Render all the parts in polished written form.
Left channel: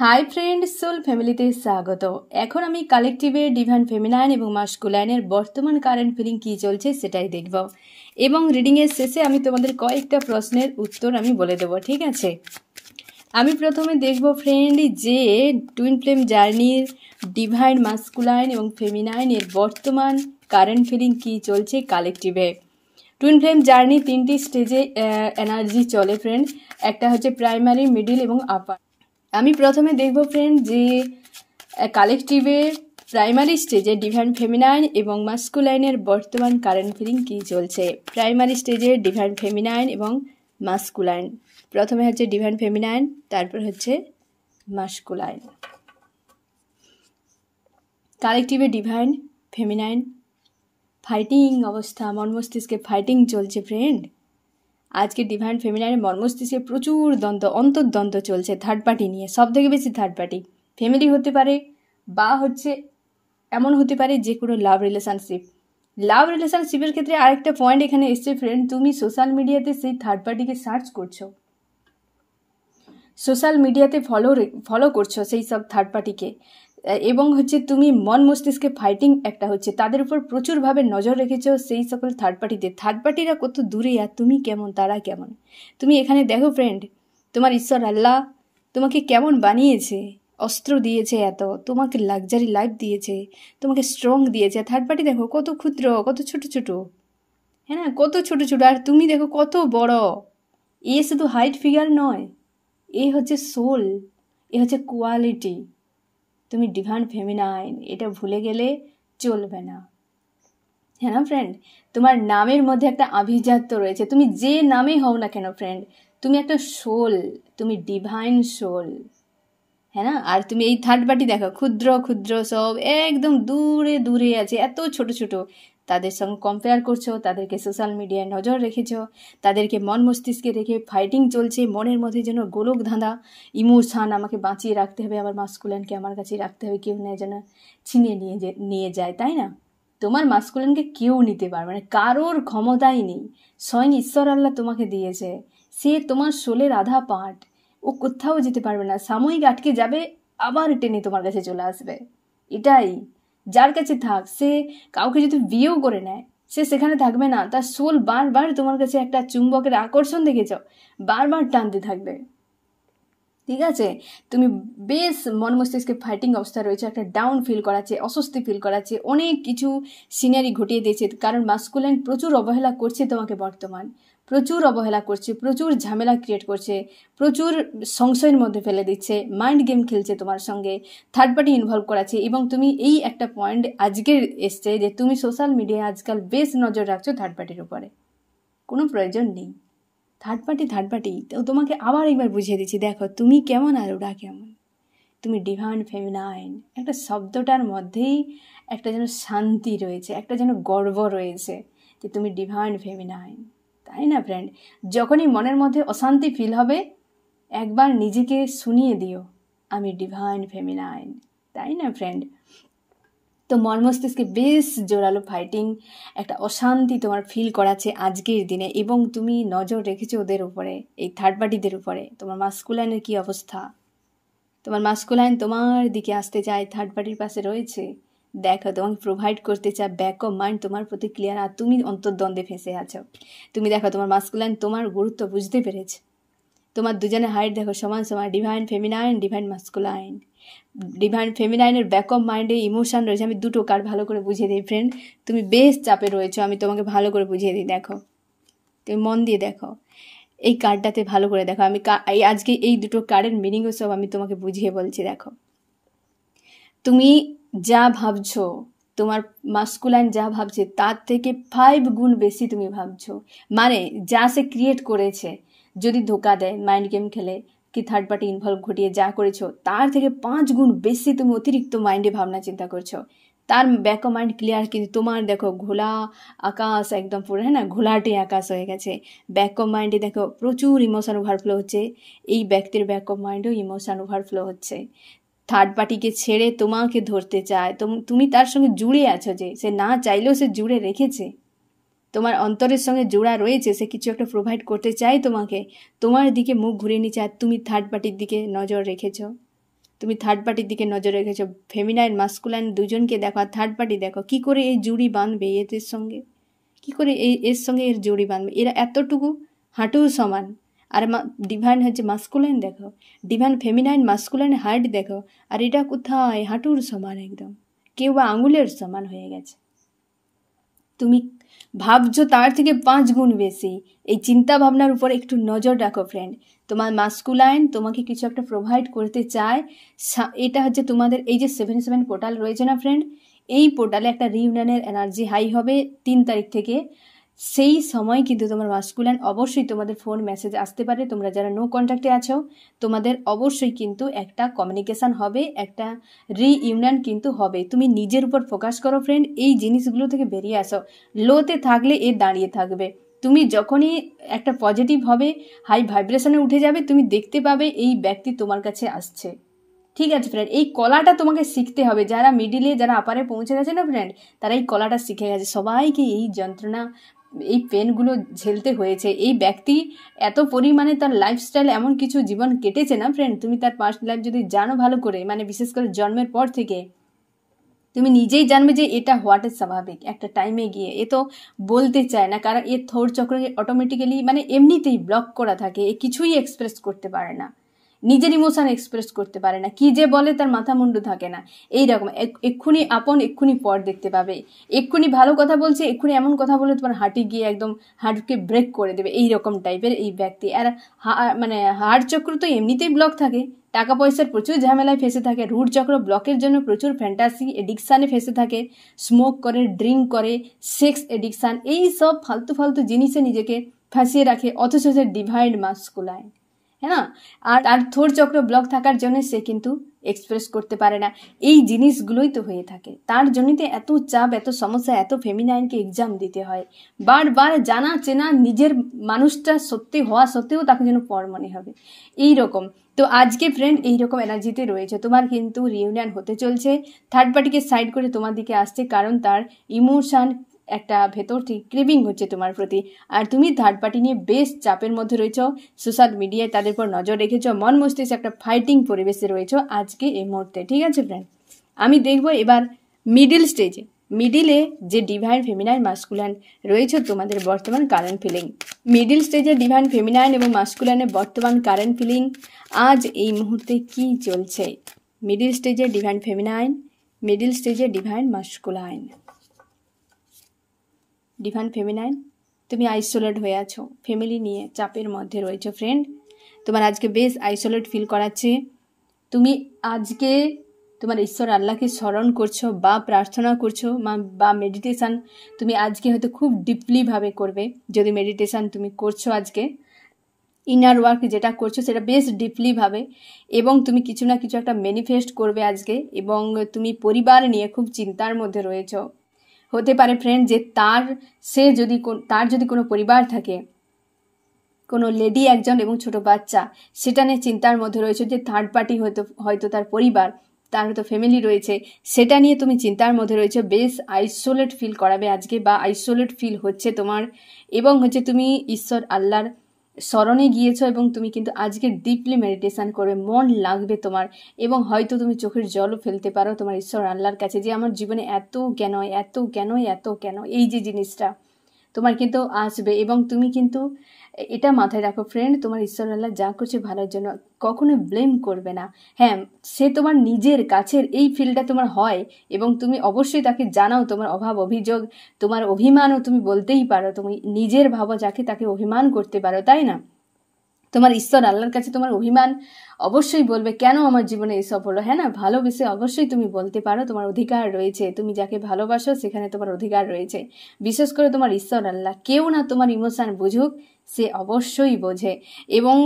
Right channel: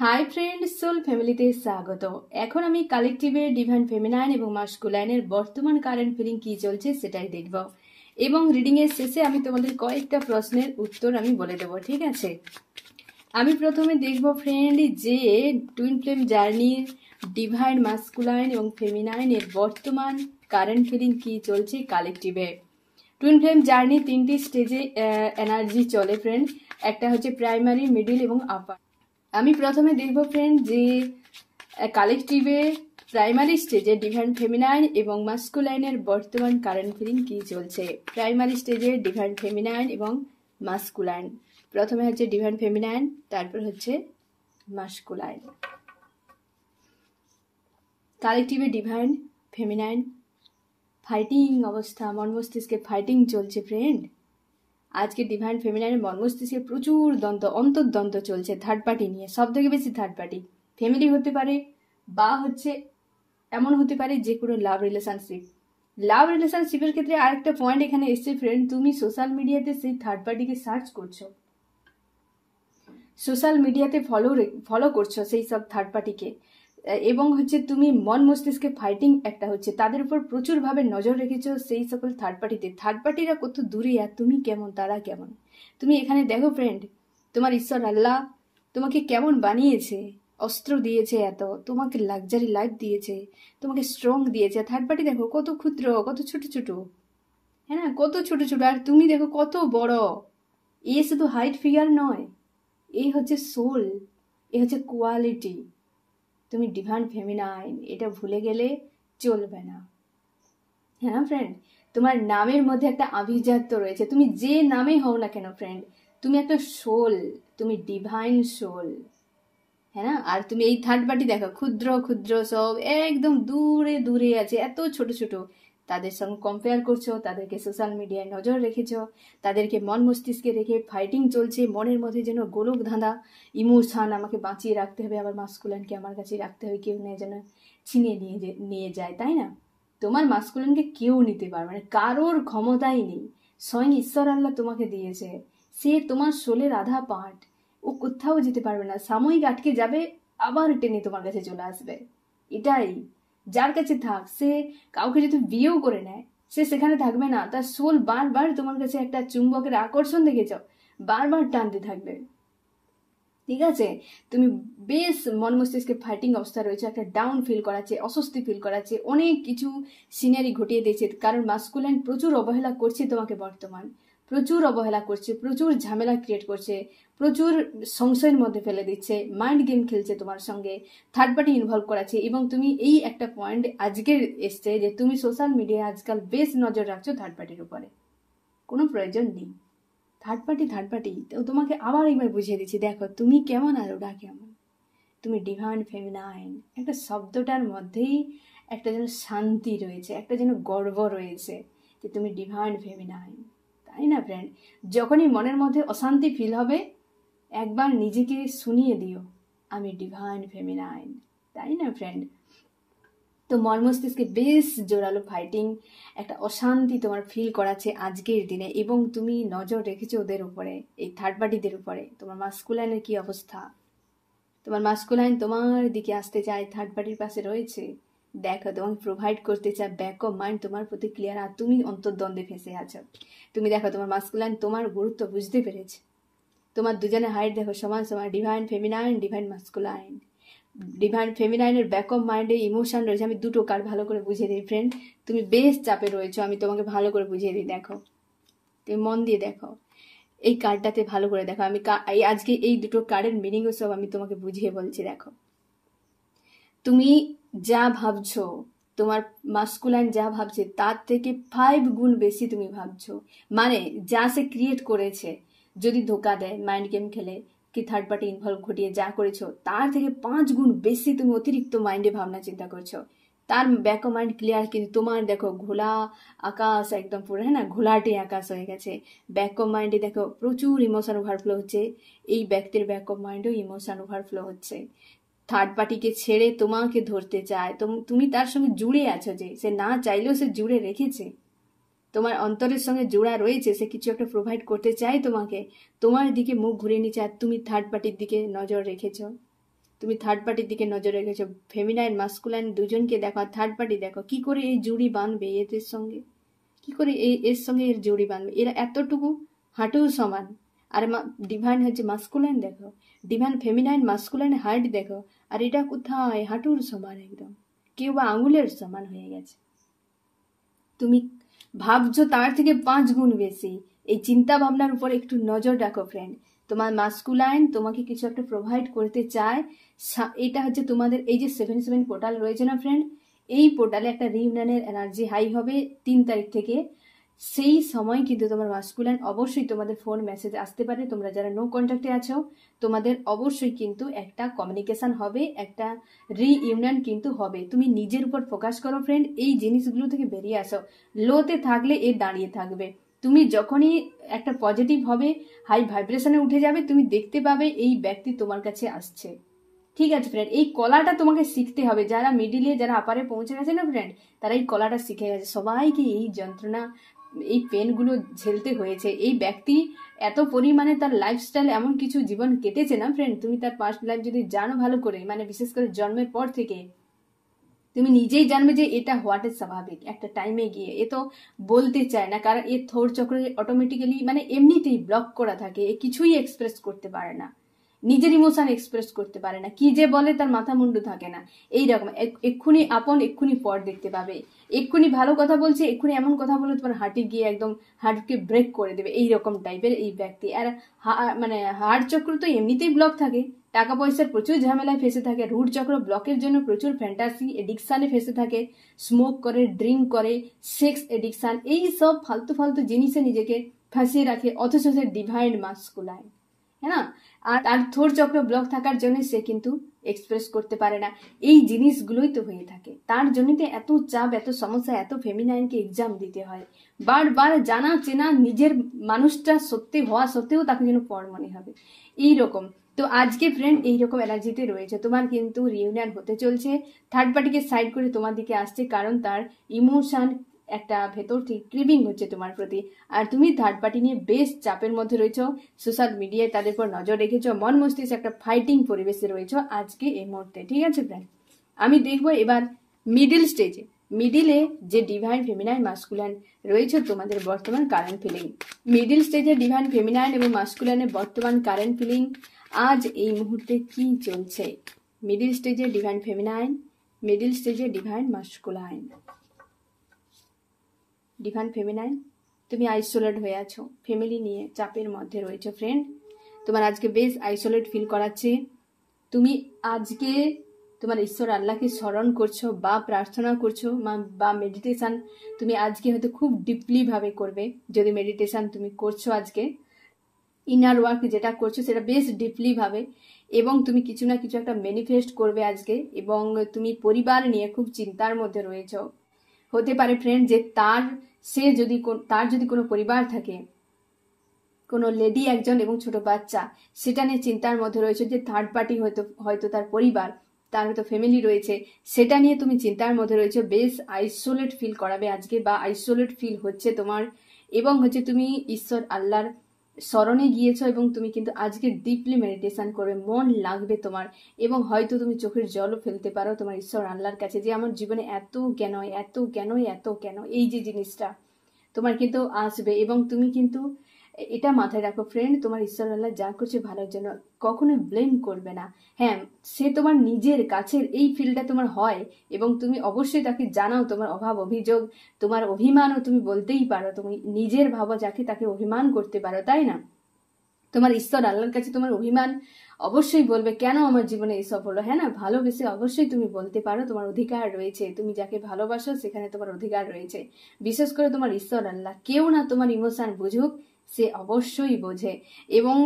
Hi friend, soul ফ্যামিলিতে স্বাগত। এখন আমি কালেকটিভে ডিভাইন ফেমিনাইন এবং মাস্কুলাইনের বর্তমান কারেন্ট ফিলিং কী চলছে সেটাই দেখব, এবং রিডিংয়ের শেষে আমি তোমাদের কয়েকটা প্রশ্নের উত্তর আমি বলে দেবো, ঠিক আছে? আমি প্রথমে দেখব ফ্রেন্ড যে টুইন ফ্লেম জার্নির ডিভাইন মাস্কুলাইন এবং ফেমিনাইনের বর্তমান কারেন্ট ফিলিং কী চলছে কালেকটিভে। টুইন ফ্লেম জার্নি তিনটি স্টেজে এনার্জি চলে ফ্রেন্ড, একটা হচ্ছে প্রাইমারি, মিডিল এবং আপার। আমি প্রথমে দেখব ফ্রেন্ড যে কালেকটিভে প্রাইমারি স্টেজে ডিভাইন ফেমিনাইন এবং মাস্কুলাইনের বর্তমান কারেন্ট ফিলিং কী চলছে। প্রাইমারি স্টেজে ডিভাইন ফেমিনাইন এবং মাস্কুলাইন, প্রথমে হচ্ছে ডিভাইন ফেমিনাইন, তারপর হচ্ছে মাস্কুলাইন। কালেকটিভে ডিভাইন ফেমিনাইন ফাইটিং অবস্থা, মন মস্তিষ্কে ফাইটিং চলছে ফ্রেন্ড। আজকে ডিভাইন ফেমিনাইনের মন মস্তিষ্কে প্রচুর দ্বন্দ্ব, অন্তর্দ্বন্দ্ব চলছে থার্ড পার্টি নিয়ে। সব থেকে বেশি থার্ড পার্টি, ফ্যামিলি হতে পারে বা হচ্ছে এমন হতে পারে যে কোনো লাভ রিলেশনশিপের ক্ষেত্রে আরেকটা পয়েন্ট এখানে এসছে ফ্রেন্ড, তুমি সোশ্যাল মিডিয়াতে সেই থার্ড পার্টিকে সার্চ করছো, সোশ্যাল মিডিয়াতে ফলো করছো সেই সব থার্ড পার্টিকে, এবং হচ্ছে তুমি মন মস্তিষ্কে ফাইটিং একটা হচ্ছে, তাদের উপর প্রচুরভাবে নজর রেখেছো সেই সকল থার্ড পার্টিরা কত দূরে আর তুমি কেমন, তারা কেমন। তুমি এখানে দেখো ফ্রেন্ড, তোমার ঈশ্বর আল্লাহ তোমাকে কেমন বানিয়েছে, অস্ত্র দিয়েছে এত, তোমাকে লাক্সারি লাইফ দিয়েছে, তোমাকে স্ট্রং দিয়েছে। থার্ড পার্টি দেখো কত ক্ষুদ্র, কত ছোট ছোট, হ্যাঁ না, কত ছোট ছোট, আর তুমি দেখো কত বড়। এ শুধু হাইট ফিগার নয়, এ হচ্ছে সোল, এ হচ্ছে কোয়ালিটি। তুমি ডিভাইন ফেমিনাইন, এটা ভুলে গেলে চলবে না, হ্যাঁ না ফ্রেন্ড? তোমার নামের মধ্যে একটা আভিজাত্য রয়েছে, তুমি যে নামে হও না কেন ফ্রেন্ড, তুমি একটা সোল, তুমি ডিভাইন সোল, হ্যাঁ না? আর তুমি এই থার্ড পার্টি দেখো ক্ষুদ্র ক্ষুদ্র সব একদম দূরে দূরে আছে, এত ছোট ছোট, তাদের সঙ্গে কম্পেয়ার করছো, তাদেরকে সোশ্যাল মিডিয়ায় নজর রেখেছো, তাদেরকে মন মস্তিষ্কে রেখে ফাইটিং চলছে, মনের মধ্যে যেন গোলক ধাঁধা, ইমোশন, আমাকে বাঁচিয়ে রাখতে হবে, আবার মাস্কুলানকে আমার কাছে রাখতে হবে, কেউ নেই যেন ছিনিয়ে নিয়ে যায়, তাই না? তোমার মাস্কুলানকে কেউ নিতে পারবে না, কারোর ক্ষমতাই নেই, স্বয়ং ঈশ্বর আল্লাহ তোমাকে দিয়েছে, সে তোমার সোলের আধা পার্ট, ও কোথাও যেতে পারবে না, সাময়িক আটকে যাবে, আবার টেনে তোমার কাছে চলে আসবে। এটাই, যার কাছে থাক, সে কাউকে যদি বিয়েও করে নেয়, সে সেখানে থাকবে না, তার সোল বারবার তোমার কাছে একটা চুম্বকের আকর্ষণ দেখেছ, বারবার টানতে থাকবে, ঠিক আছে? তুমি বেশ মন মস্তিষ্কে ফাইটিং অবস্থা রয়েছে, একটা ডাউন ফিল করাচ্ছে, অস্বস্তি ফিল করাচ্ছে, অনেক কিছু সিনারি ঘটিয়ে দিয়েছে, কারণ মাস্কুলাইন প্রচুর অবহেলা করছে তোমাকে, বর্তমান প্রচুর অবহেলা করছে, প্রচুর ঝামেলা ক্রিয়েট করছে, প্রচুর সংশয়ের মধ্যে ফেলে দিচ্ছে, মাইন্ড গেম খেলছে তোমার সঙ্গে, থার্ড পার্টি ইনভলভ করাচ্ছে। এবং তুমি এই একটা পয়েন্ট আজকের এসছে যে তুমি সোশ্যাল মিডিয়ায় আজকাল বেশ নজর রাখছো থার্ড পার্টির উপরে, কোনো প্রয়োজন নেই। থার্ড পার্টি তো তোমাকে আবার একবার বুঝিয়ে দিচ্ছি, দেখো তুমি কেমন আর ওরা কেমন। তুমি ডিভাইন ফেমিনাইন, একটা শব্দটার মধ্যেই একটা যেন শান্তি রয়েছে, একটা যেন গর্ব রয়েছে যে তুমি ডিভাইন ফেমিনাইন, তাই না ফ্রেন্ড? যখনই মনের মধ্যে অশান্তি ফিল হবে, একবার নিজেকে শুনিয়ে দিও আমি ডিভাইন ফেমিনাইন, তাই না ফ্রেন্ড? তো মন মস্তিষ্কে বেশ জোরালো ফাইটিং, একটা অশান্তি তোমার ফিল করাচ্ছে আজকের দিনে, এবং তুমি নজর রেখেছো ওদের উপরে, এই থার্ড পার্টিদের উপরে। তোমার মাস্কুলাইনের কি অবস্থা? তোমার মাস্কুলাইন তোমার দিকে আসতে চায়, থার্ড পার্টির পাশে রয়েছে, দেখো তোমাকে প্রোভাইড করতে চায়, ব্যাক অফ মাইন্ড তোমার প্রতি ক্লিয়ার, আর তুমি অন্তর্দ্বন্দ্বে ফেঁসে আছো। তুমি দেখো তোমার মাস্কুলাইন তোমার গুরুত্ব বুঝতে পেরেছে, তোমার দুজনের হাইট দেখো সমান সমান, divine feminine, divine masculine. Divine ফেমিনাইনের ব্যাক অফ মাইন্ডে ইমোশন রয়েছে। আমি দুটো কার্ড ভালো করে বুঝিয়ে দিই ফ্রেন্ড, তুমি বেশ চাপে রয়েছো, আমি তোমাকে ভালো করে বুঝিয়ে দিই, দেখো তুমি মন দিয়ে দেখো, এই কার্ডটাতে ভালো করে দেখো, আমি আজকে এই দুটো কার্ডের মিনিংও সব আমি তোমাকে বুঝিয়ে বলছি। দেখো তুমি যা ভাবছো, তোমার মাস্কুলাইন যা ভাবছে তার থেকে 5 গুণ বেশি তুমি ভাবছো, মানে যা সে ক্রিয়েট করেছে, যদি ধোকা দেয়, মাইন্ড গেম খেলে, কি থার্ড পার্টি ইনভলভ ঘটিয়ে যা করেছো, তার থেকে 5 গুণ বেশি তুমি অতিরিক্ত মাইন্ডে ভাবনা চিন্তা করছো, তার ব্যাক অফ মাইন্ড ক্লিয়ার। কিন্তু তোমার দেখো ঘোলা আকাশ, একদম পুরো, হ্যাঁ না, ঘোলাটে আকাশ হয়ে গেছে। ব্যাক অফ মাইন্ডে দেখো প্রচুর ইমোশন ওভারফ্লো হচ্ছে, এই ব্যক্তির ব্যাক অফ মাইন্ডেও ইমোশন ওভারফ্লো হচ্ছে, থার্ড পার্টিকে ছেড়ে তোমাকে ধরতে চায়, তুমি তার সঙ্গে জুড়ে আছো, যে সে না চাইলেও সে জুড়ে রেখেছে, তোমার অন্তরের সঙ্গে জোড়া রয়েছে, সে কিছু একটা প্রোভাইড করতে চায় তোমাকে, তোমার দিকে মুখ ঘুরিয়ে নিচ্ছে, আর তুমি থার্ড পার্টির দিকে নজর রেখেছ। তুমি থার্ড পার্টির দিকে নজর রেখেছো, ফেমিনাইন মাস্কুলাইন দুজনকে দেখো, আর থার্ড পার্টি দেখো কি করে এই জুড়ি বাঁধবে এদের সঙ্গে, কি করে এর সঙ্গে এর জুড়ি বাঁধবে। এরা এতটুকু হাঁটু সমান, আর ডিভাইন হচ্ছে মাস্কুলাইন দেখো, ডিভাইন ফেমিনাইন মাস্কুলাইন হাইট দেখো, আর এটা কোথায় হাঁটুর সমান একদম, কেউ বা আঙুলের সমান হয়ে গেছে। তুমি ভাবছো তার থেকে 5 গুণ বেশি। এই চিন্তা ভাবনার উপর একটু নজর রাখো ফ্রেন্ড। তোমার মাস্কুলাইন তোমাকে কিছু একটা প্রোভাইড করতে চায়। এটা হচ্ছে তোমাদের এই যে 7/7 পোর্টাল রয়েছে না ফ্রেন্ড, এই পোর্টালে একটা রিউনিয়নের এনার্জি হাই হবে 3 তারিখ থেকে। সেই সময় কিন্তু তোমার মাস্কুলাইন অবশ্যই তোমাদের ফোন মেসেজ আসতে পারে। তোমরা যারা নো কন্ট্যাক্টে আছো তোমাদের অবশ্যই কিন্তু একটা কমিউনিকেশন হবে, একটা রিইউনিয়ন কিন্তু হবে। তুমি নিজের উপর ফোকাস করো ফ্রেন্ড, এই জিনিসগুলো থেকে বেরিয়ে আসো। লোতে থাকলে এ দাঁড়িয়ে থাকবে। তুমি যখনই একটা পজিটিভ হবে, হাই ভাইব্রেশনে উঠে যাবে, তুমি দেখতে পাবে এই ব্যক্তি তোমার কাছে আসছে। ঠিক আছে ফ্রেন্ড, এই কলাটা তোমাকে শিখতে হবে। যারা মিডিলে, যারা আপারে পৌঁছে গেছে না ফ্রেন্ড, তারা এই কলাটা শিখে গেছে। সবাইকে এই যন্ত্রণা, এই পেনগুলো ঝেলতে হয়েছে। এই ব্যক্তি এত পরিমাণে তার লাইফস্টাইল এমন কিছু জীবন কেটেছে না ফ্রেন্ড, তুমি তার পাস্ট লাইফ যদি জানো ভালো করে, মানে বিশেষ করে জন্মের পর থেকে, তুমি নিজেই জানবে যে এটা হওয়াটা স্বাভাবিক। একটা টাইমে গিয়ে এ তো বলতে চায় না, কারণ এর থোর চক্র অটোমেটিক্যালি মানে এমনিতেই ব্লক করা থাকে, এ কিছুই এক্সপ্রেস করতে পারে না, নিজের ইমোশন এক্সপ্রেস করতে পারে না, কি যে বলে তার মাথা মুন্ডু থাকে না। এইরকম এক্ষুনি আপন এক্ষুনি পর দেখতে পাবে, এক্ষুনি ভালো কথা বলছে, এক্ষুনি এমন কথা বলে তোমার হার্টে গিয়ে একদম হার্টকে ব্রেক করে দেবে, এইরকম টাইপের এই ব্যক্তি। আর মানে হার্ট চক্র তো এমনিতেই ব্লক থাকে, টাকা পয়সার প্রচুর ঝামেলায় ফেসে থাকে, রুট চক্র ব্লকের জন্য প্রচুর ফ্যান্টাসি এডিকশানে ফেসে থাকে, স্মোক করে, ড্রিঙ্ক করে, সেক্স এডিকশান, এই সব ফালতু ফালতু জিনিসে নিজেকে ফাঁসিয়ে রাখে। অথচ সে ডিভাইন মাস্কুলাইন, হ্যাঁ না, আর তার থোর চক্র ব্লক থাকার জন্য সে কিন্তু এক্সপ্রেস করতে পারে না। এই জিনিসগুলোই তো হয়ে থাকে, তার জন্যই তো এত চাপ, এত সমস্যা, এত ফেমিনাইনকে এক্সাম দিতে হয় বারবার। জানা চেনা নিজের মানুষটা সত্যি হওয়া সত্ত্বেও তাকে যেন পর মনে হবে, এইরকম। তো আজকে ফ্রেন্ড এইরকম এনার্জিতে রয়েছে, তোমার কিন্তু রিউনিয়ন হতে চলছে। থার্ড পার্টিকে সাইড করে তোমার দিকে আসছে, কারণ তার ইমোশন একটা ভেতর থেকে ক্রেভিং হচ্ছে তোমার প্রতি। আর তুমি থার্ড পার্টি নিয়ে বেশ চাপের মধ্যে রয়েছ, সোশ্যাল মিডিয়ায় তাদের উপর নজর রেখেছ, মন মস্তিষ্কে একটা ফাইটিং পরিবেশে রয়েছ আজকে এই মুহূর্তে। ঠিক আছে ফ্রেন্ড, আমি দেখবো এবার মিডিল স্টেজে, মিডিলে যে ডিভাইন ফেমিনাইন মাস্কুলাইন রয়েছে তোমাদের বর্তমান কারেন্ট ফিলিং। মিডিল স্টেজে ডিভাইন ফেমিনাইন এবং মাস্কুলাইনের বর্তমান কারেন্ট ফিলিং আজ এই মুহূর্তে কি চলছে। মিডিল স্টেজে ডিভাইন ফেমিনাইন, মিডিল স্টেজে ডিভাইন মাস্কুলাইন। ডিভাইন ফেমিনাইন, তুমি আইসোলেট হয়ে আছো, ফ্যামিলি নিয়ে চাপের মধ্যে রয়েছো ফ্রেন্ড, তোমার আজকে বেশ আইসোলেট ফিল করাচ্ছে। তুমি আজকে তোমার ঈশ্বর আল্লাহকে স্মরণ করছো বা প্রার্থনা করছো বা মেডিটেশান তুমি আজকে হয়তো খুব ডিপলিভাবে করবে। যদি মেডিটেশান তুমি করছো আজকে, ইনার ওয়ার্ক যেটা করছো সেটা বেশ ডিপলিভাবে, এবং তুমি কিছু না কিছু একটা ম্যানিফেস্ট করবে আজকে। এবং তুমি পরিবার নিয়ে খুব চিন্তার মধ্যে রয়েছো। হতে পারে ফ্রেন্ড যে তার যদি কোনো পরিবার থাকে, কোনো লেডি একজন এবং ছোট বাচ্চা, সেটা নিয়ে চিন্তার মধ্যে রয়েছে যে থার্ড পার্টি হয়তো তার পরিবার, তার হয়তো ফ্যামিলি রয়েছে, সেটা নিয়ে তুমি চিন্তার মধ্যে রয়েছে। বেশ আইসোলেট ফিল করাবে আজকে, বা আইসোলেট ফিল হচ্ছে তোমার। এবং হচ্ছে তুমি ঈশ্বর আল্লাহর স্মরণে গিয়েছো, এবং তুমি কিন্তু আজকে ডিপলি মেডিটেশন করবে, মন লাগবে তোমার। এবং হয়তো তুমি চোখের জলও ফেলতে পারো তোমার ঈশ্বর আল্লাহর কাছে, যে আমার জীবনে এত কেন, এত কেন, এত কেন, এই যে জিনিসটা তোমার কিন্তু আসবে। এবং তুমি কিন্তু এটা মাথায় রাখো ফ্রেন্ড, তোমার ঈশ্বর আল্লাহ যা করছে ভালোর জন্য, কখনো ব্লেম করবে না। হ্যাঁ, সে তোমার নিজের কাছের এই ফিলটা তোমার হয়, এবং তুমি অবশ্যই তাকে জানাও তোমার অভাব অভিযোগ, তোমার অভিমানও তুমি বলতেই পারো। তুমি নিজের ভাবো যাকে, তাকে অভিমান করতে পারো, তাই না? তোমার ঈশ্বর আল্লাহর কাছে তোমার অভিমান অবশ্যই বলবে, কেন আমার জীবনে এসব হলো। হ্যাঁ না, ভালোবেসে অবশ্যই তুমি বলতে পারো, তোমার অধিকার রয়েছে। তুমি যাকে ভালোবাসো সেখানে তোমার অধিকার রয়েছে। বিশেষ করে তোমার ঈশ্বর আল্লাহ, কেউ না তোমার ইমোশন বুঝুক, সে অবশ্যই বোঝে। এবং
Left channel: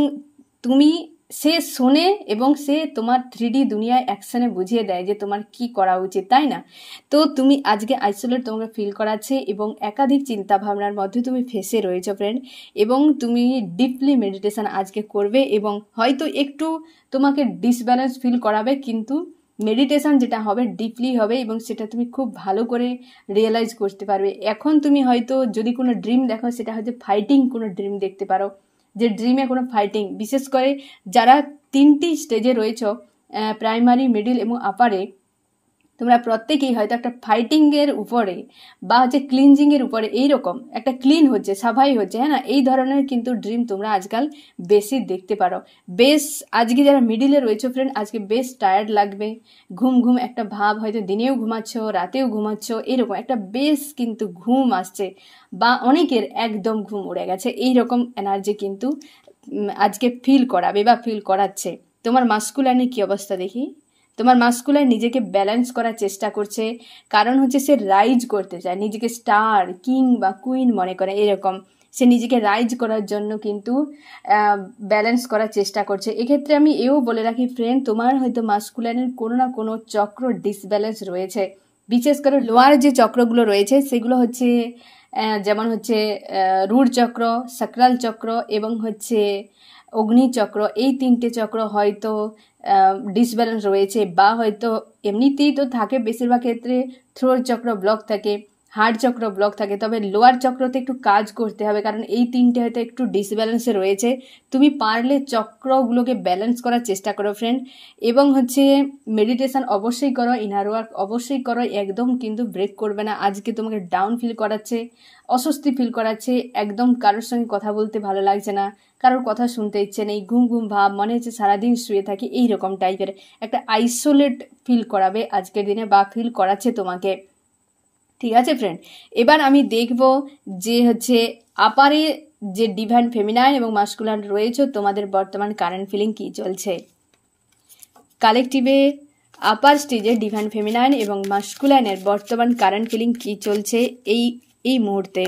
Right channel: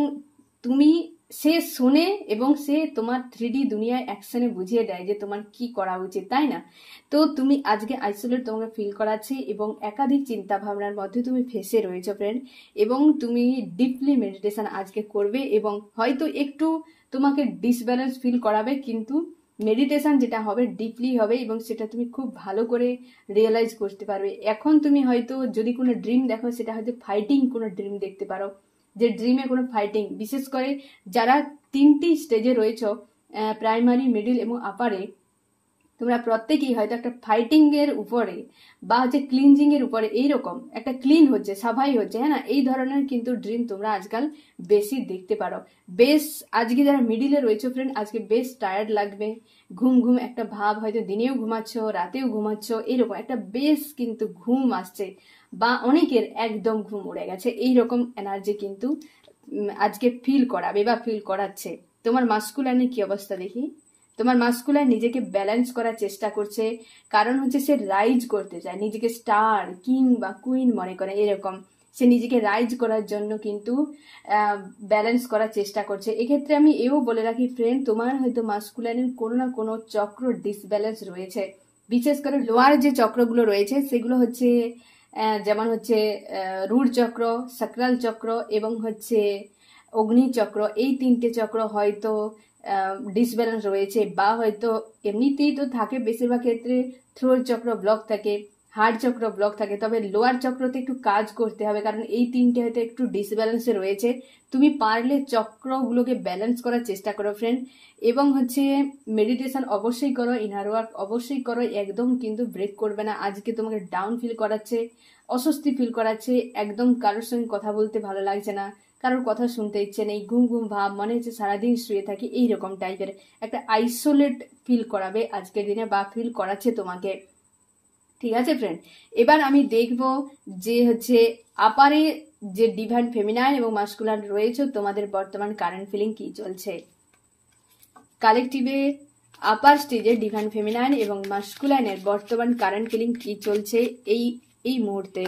সে শোনে, এবং সে তোমার 3D দুনিয়ায় অ্যাকশনে বুঝিয়ে দেয় যে তোমার কি করা উচিত, তাই না? তো তুমি আজকে আইসোলেট তোমাকে ফিল করাচ্ছে, এবং একাধিক চিন্তা ভাবনার মধ্যে তুমি ফেসে রয়েছো ফ্রেন্ড। এবং তুমি ডিপলি মেডিটেশন আজকে করবে, এবং হয়তো একটু তোমাকে ডিসব্যালেন্স ফিল করাবে, কিন্তু মেডিটেশন যেটা হবে ডিপলি হবে, এবং সেটা তুমি খুব ভালো করে রিয়েলাইজ করতে পারবে। এখন তুমি হয়তো যদি কোনো ড্রিম দেখো, সেটা হয়তো ফাইটিং কোনো ড্রিম দেখতে পারো, যে ড্রিমে কোনো ফাইটিং, বিশেষ করে যারা 3টি স্টেজে রয়েছ, প্রাইমারি, মিডিল এবং আপারে তোমরা প্রত্যেকেই হয়তো একটা ফাইটিংয়ের উপরে বা হচ্ছে ক্লিনজিংয়ের উপরে এইরকম একটা ক্লিন হচ্ছে, সাফাই হচ্ছে, হ্যাঁ না, এই ধরনের কিন্তু ড্রিম তোমরা আজকাল বেশি দেখতে পারো। বেশ আজকে যারা মিডিলে রয়েছে ফ্রেন্ড, আজকে বেশ টায়ার্ড লাগবে, ঘুম ঘুম একটা ভাব, হয়তো দিনেও ঘুমাচ্ছ, রাতেও ঘুমাচ্ছ, এরকম একটা বেশ কিন্তু ঘুম আসছে, বা অনেকের একদম ঘুম উড়ে গেছে, এইরকম এনার্জি কিন্তু আজকে ফিল করাবে বা ফিল করাচ্ছে। তোমার মাস্কুলাইনের কি অবস্থা দেখি? তোমার মাস্কুলাইন নিজেকে ব্যালেন্স করার চেষ্টা করছে, কারণ হচ্ছে সে রাইজ করতে চায়, নিজেকে স্টার, কিং বা কুইন মনে করে, এরকম সে নিজেকে রাইজ করার জন্য কিন্তু ব্যালেন্স করার চেষ্টা করছে। এক্ষেত্রে আমি এও বলে রাখি ফ্রেন্ড, তোমার হয়তো মাস্কুলাইনের কোনো না কোনো চক্র ডিসব্যালেন্স রয়েছে, বিশেষ করে লোয়ার যে চক্রগুলো রয়েছে সেগুলো হচ্ছে যেমন হচ্ছে রুট চক্র, সাকরাল চক্র এবং হচ্ছে অগ্নি চক্র, এই তিনটে চক্র হয়তো ডিসব্যালেন্স রয়েছে, বা হয়তো এমনিতেই তো থাকে বেশিরভাগ ক্ষেত্রে থ্রোট চক্র ব্লক থাকে, হার্ট চক্র ব্লক থাকে, তবে লোয়ার চক্রতে একটু কাজ করতে হবে, কারণ এই তিনটে হয়তো একটু ডিসব্যালেন্সে রয়েছে। তুমি পারলে চক্রগুলোকে ব্যালেন্স করার চেষ্টা করো ফ্রেন্ড, এবং হচ্ছে মেডিটেশন অবশ্যই করো, ইনার ওয়ার্ক অবশ্যই করো, একদম কিন্তু ব্রেক করবে না। আজকে তোমাকে ডাউন ফিল করাচ্ছে, অস্বস্তি ফিল করাচ্ছে, একদম কারোর সঙ্গে কথা বলতে ভালো লাগছে না, কারোর কথা শুনতে ইচ্ছে নেই, ঘুম ঘুম ভাব, মনে হচ্ছে সারাদিন শুয়ে থাকি, এইরকম টাইপের একটা আইসোলেট ফিল করাবে আজকের দিনে, বা ফিল করাচ্ছে তোমাকে। ঠিক আছে ফ্রেন্ড, এবার আমি দেখব যে হচ্ছে আপারে যে ডিভাইন ফেমিনাইন এবং মাস্কুলাইন রয়েছে, তোমাদের বর্তমান কারেন্ট ফিলিং কি চলছে। কালেকটিভে আপার স্টেজে ডিভাইন ফেমিনাইন এবং মাস্কুলাইনের বর্তমান কারেন্ট ফিলিং কি চলছে এই মুহূর্তে।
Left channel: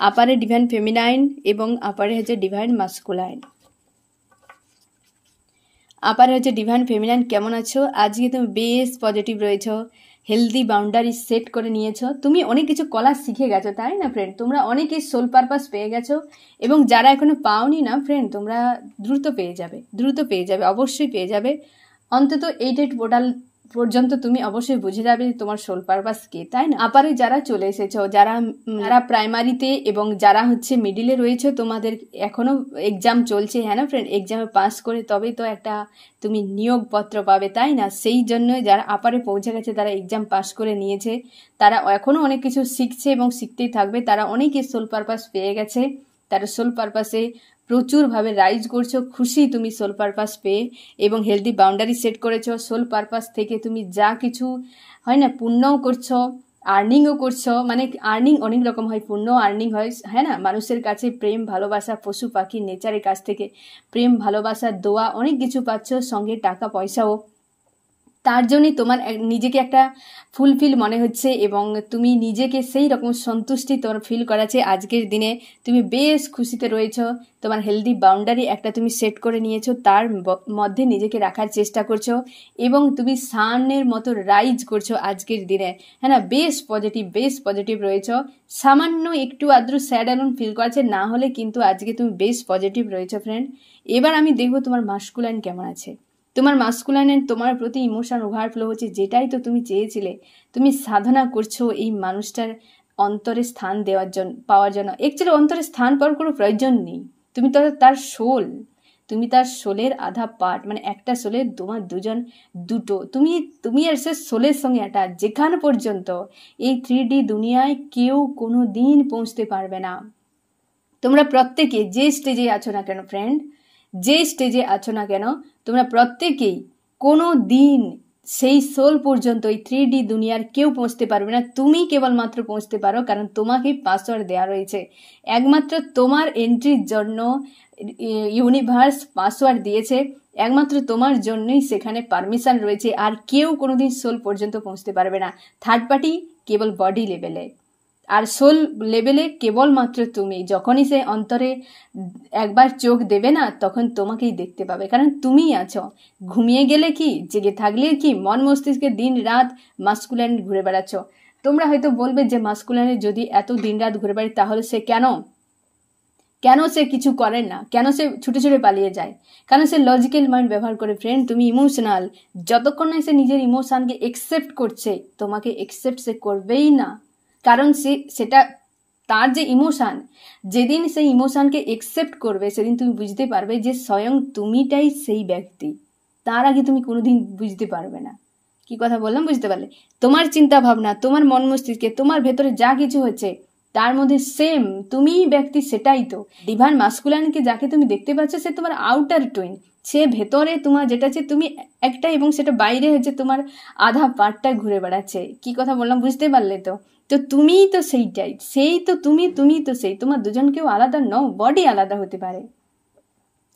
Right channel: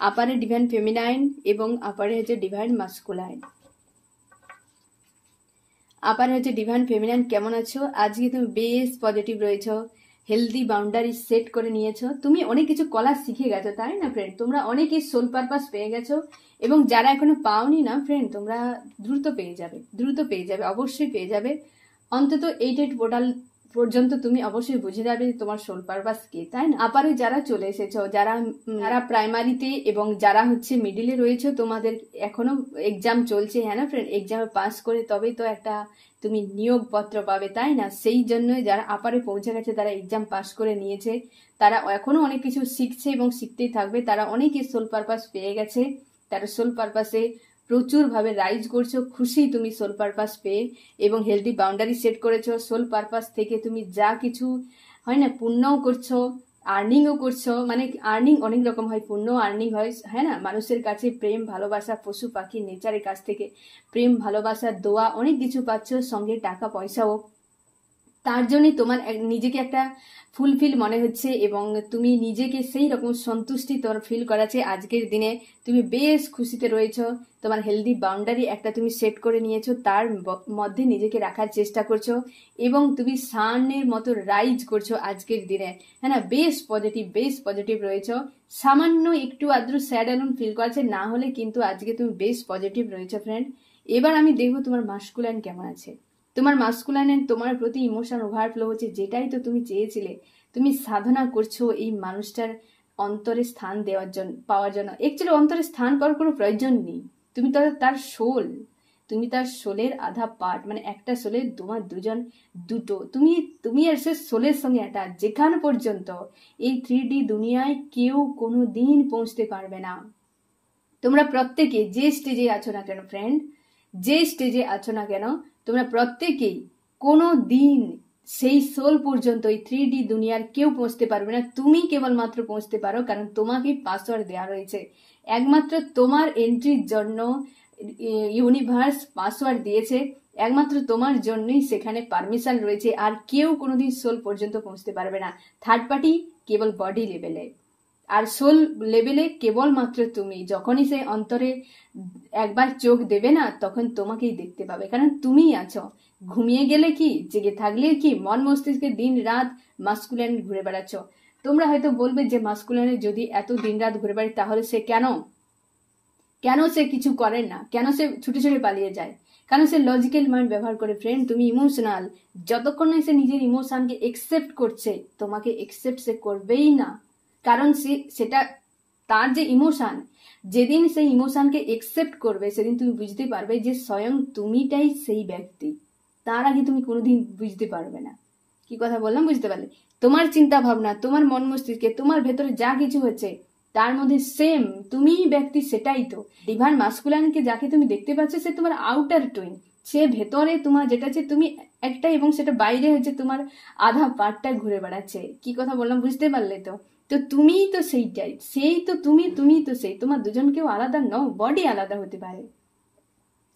আপারে ডিভাইন ফেমিনাইন এবং আপারে হচ্ছে ডিভাইন মাস্কুলাইন। আপারে হচ্ছে ডিভাইন ফেমিনাইন, কেমন আছো? আজকে তুমি বেশ পজিটিভ রয়েছো, হেলদি বাউন্ডারি সেট করে নিয়েছো, তুমি অনেক কিছু কলা শিখে গেছো, তাই না ফ্রেন্ড? তোমরা অনেকেই সোল পারপাস পেয়ে গেছো, এবং যারা এখনো পাওনি না ফ্রেন্ড, তোমরা দ্রুত পেয়ে যাবে, অবশ্যই পেয়ে যাবে। অন্তত 8 পোর্টাল পর্যন্ত তুমি অবশ্যই বুঝে যাবে যে তোমার সোল পারপাস কি, তাই না? আপারে যারা চলে এসেছো, যারা প্রাইমারিতে এবং যারা হচ্ছে মিডিলে রয়েছে, তোমাদের এখনো এক্সাম চলছে, হ্যাঁ না ফ্রেন্ড? এক্সামে পাস করে তবেই তো একটা তুমি নিয়োগপত্র পাবে, তাই না? সেই জন্য যারা আপারে পৌঁছে গেছে, তারা এক্সাম পাস করে নিয়েছে, তারা এখনো অনেক কিছু শিখছে এবং শিখতেই থাকবে, তারা অনেকই সোল পারপাস পেয়ে গেছে, তারা সোল পারপাসে প্রচুরভাবে রাইজ করছো, খুশি তুমি সোল পারপাস পেয়ে, এবং হেলদি বাউন্ডারি সেট করেছো। সোল পারপাস থেকে তুমি যা কিছু হয় না, পুণ্যও করছো, আর্নিংও করছো, মানে আর্নিং অনেক রকম হয়, পুণ্য আর্নিং হয়, হ্যাঁ না? মানুষের কাছে প্রেম ভালোবাসা, পশু পাখি নেচারের কাছ থেকে প্রেম ভালোবাসা, দোয়া, অনেক কিছু পাচ্ছ, সঙ্গে টাকা পয়সাও। তার জন্যই তোমার নিজেকে একটা ফুলফিল মনে হচ্ছে, এবং তুমি নিজেকে সেই রকম সন্তুষ্টি তোমার ফিল করাচ্ছে। আজকের দিনে তুমি বেশ খুশিতে রয়েছ, তোমার হেলদি বাউন্ডারি একটা তুমি সেট করে নিয়েছো, তার মধ্যে নিজেকে রাখার চেষ্টা করছো, এবং তুমি সানের মতো রাইজ করছো আজকের দিনে, হ্যাঁ না? বেশ পজিটিভ রয়েছ। সামান্য একটু আদ্র স্যাড অ্যালোন ফিল করছে, না হলে কিন্তু আজকে তুমি বেশ পজিটিভ রয়েছো ফ্রেন্ড। এবার আমি দেখবো তোমার মাস্কুলাইন কেমন আছে। তোমার মাস্কুলাইনের তোমার প্রতি ইমোশন ওভারফ্লো হচ্ছে, যেটাই তো তুমি চেয়েছিলে। তুমি সাধনা করছো এই মানুষটার অন্তরে স্থান দেওয়ার জন্য, পাওয়ার জন্য। অ্যাকচুয়ালি অন্তরে স্থান পাওয়ার কোনো প্রয়োজন নেই, তুমি তো তার সোল, তুমি তার সোলের আধা পার্ট, মানে একটা সোলে তোমার দুটো, তুমি আর সে সোলের সঙ্গে অ্যাটাচ। যেখানে পর্যন্ত এই 3D দুনিয়ায় কেউ কোনো দিন পৌঁছতে পারবে না। তোমরা প্রত্যেকে যে স্টেজে আছো না কেন ফ্রেন্ড, যে স্টেজে আছো না কেন, তোমরা প্রত্যেকেই কোনো দিন সেই সোল পর্যন্ত ওই 3D দুনিয়ার কেউ পৌঁছতে পারবে না, তুমি কেবলমাত্র পৌঁছতে পারো, কারণ তোমাকে পাসওয়ার্ড দেওয়া রয়েছে। একমাত্র তোমার এন্ট্রির জন্য ইউনিভার্স পাসওয়ার্ড দিয়েছে, একমাত্র তোমার জন্যই সেখানে পারমিশন রয়েছে, আর কেউ কোনোদিন সোল পর্যন্ত পৌঁছতে পারবে না। থার্ড পার্টি কেবল বডি লেভেলে, আর সোল লেভেলে কেবলমাত্র তুমি। যখনই সে অন্তরে একবার চোখ দেবে না, তখন তোমাকেই দেখতে পাবে, কারণ তুমিই আছো। ঘুমিয়ে গেলে কি, জেগে থাকলে কি, মন মস্তিষ্কে দিন রাত মাস্কুলাইন ঘুরে বেড়াচ্ছ। তোমরা হয়তো বলবে যে মাস্কুলাইনে যদি এত দিন রাত ঘুরে বেড়ায়, তাহলে সে কেন সে কিছু করে না, কেন সে ছুটে ছুটে পালিয়ে যায়, কারণ সে লজিক্যাল মাইন্ড ব্যবহার করে ফ্রেন্ড। তুমি ইমোশনাল, যতক্ষণ না সে নিজের ইমোশনকে একসেপ্ট করছে, তোমাকে একসেপ্ট সে করবেই না, কারণ সেটা তার যে ইমোশন, যেদিন সেই ইমোশনকে একসেপ্ট করবে সেদিন তুমি বুঝতে পারবে যে স্বয়ং তুমিটাই সেই ব্যক্তি। তার আগে তুমি কোনোদিন বুঝতে পারবে না। কি কথা বললাম বুঝতে পারলে? তোমার চিন্তা ভাবনা, তোমার মন মস্তিষ্কে, তোমার ভেতরে যা কিছু হচ্ছে তার মধ্যে সেম তুমিই ব্যক্তি, সেটাই তো ডিভাইন মাস্কুলাইনকে যাকে তুমি দেখতে পাচ্ছ সে তোমার আউটার টুইন। সে ভেতরে তোমার যেটা আছে তুমি একটা, এবং সেটা বাইরে হচ্ছে তোমার আধা পার্টটা ঘুরে বেড়াচ্ছে। কি কথা বললাম বুঝতে পারলে তো? তো তুমিই তো সেইটাই, সেই তো তুমি, তুমি তো সেই। তোমার দুজন কেউ আলাদা নও, বডি আলাদা হতে পারে,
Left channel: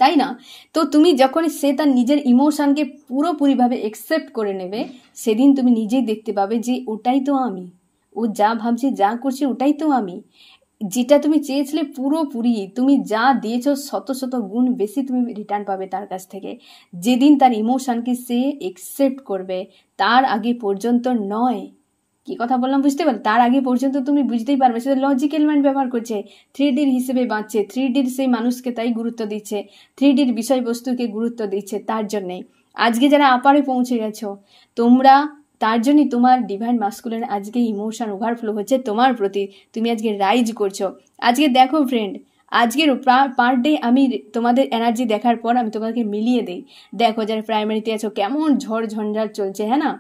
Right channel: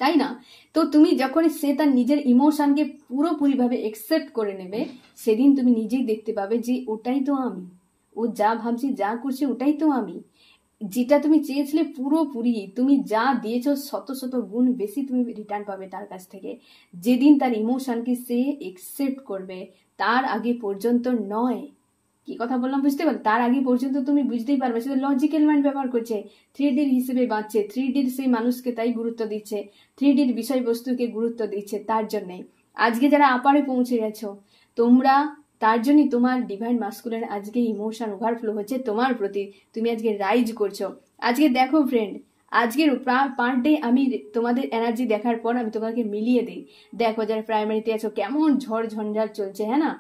তাই না? তো তুমি যখন সে তার নিজের ইমোশনকে পুরোপুরিভাবে একসেপ্ট করে নেবে, সেদিন তুমি নিজেই দেখতে পাবে যে ওটাই তো আমি, ও যা ভাবছে যা করছে ওটাই তো আমি। যেটা তুমি চেয়েছিলে পুরোপুরি, তুমি যা দিয়েছো শত শত গুণ বেশি তুমি রিটার্ন পাবে তার কাছ থেকে। যেদিন তার ইমোশনকে সে একসেপ্ট করবে, তার আগে পর্যন্ত নয়। কি কথা বললাম বুঝতে পারলে? তার আগে পর্যন্ত তুমি বুঝতেই পারবে সে লজিক্যাল মাইন্ড ব্যবহার করছে, 3Dর হিসেবে বাঁচছে, 3Dর সেই মানুষকে তাই গুরুত্ব দিচ্ছে, 3Dর বিষয়বস্তুকে গুরুত্ব দিচ্ছে। তার জন্যই আজকে যারা আপারে পৌঁছে গেছো তোমরা, তার জন্যই তোমার ডিভাইন মাস্কুলাইন আজকে ইমোশন ওভারফ্লো হচ্ছে তোমার প্রতি, তুমি আজকে রাইজ করছো। আজকে দেখো ফ্রেন্ড, আজকের পার ডে আমি তোমাদের এনার্জি দেখার পর আমি তোমাদেরকে মিলিয়ে দিই। দেখো যারা প্রাইমারিতে আছো কেমন ঝড় ঝঞ্ঝাট চলছে, হ্যাঁ না?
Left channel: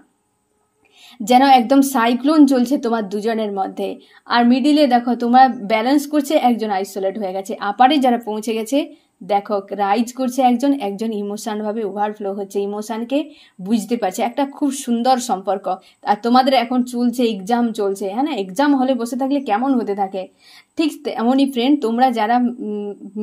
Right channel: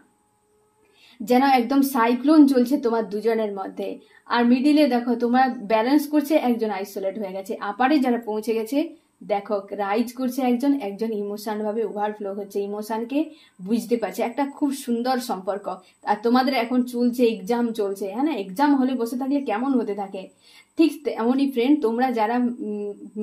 যেন একদম সাইক্লোন চলছে তোমার দুজনের মধ্যে। আর মিডিলে দেখো তোমার ব্যালেন্স করছে একজন, আইসোলেট হয়ে গেছে। আপারে যারা পৌঁছে গেছে দেখো রাইজ করছে একজন, একজন ইমোশন ভাবে ওভারফ্লো হচ্ছে, ইমোশনকে বুঝতে পারছে। একটা খুব সুন্দর সম্পর্ক। আর তোমাদের এখন চলছে এক্সাম চলছে, হ্যাঁ না? এক্সাম হলে বসে থাকলে কেমন হতে থাকে, ঠিক তেমনই ফ্রেন্ড তোমরা যারা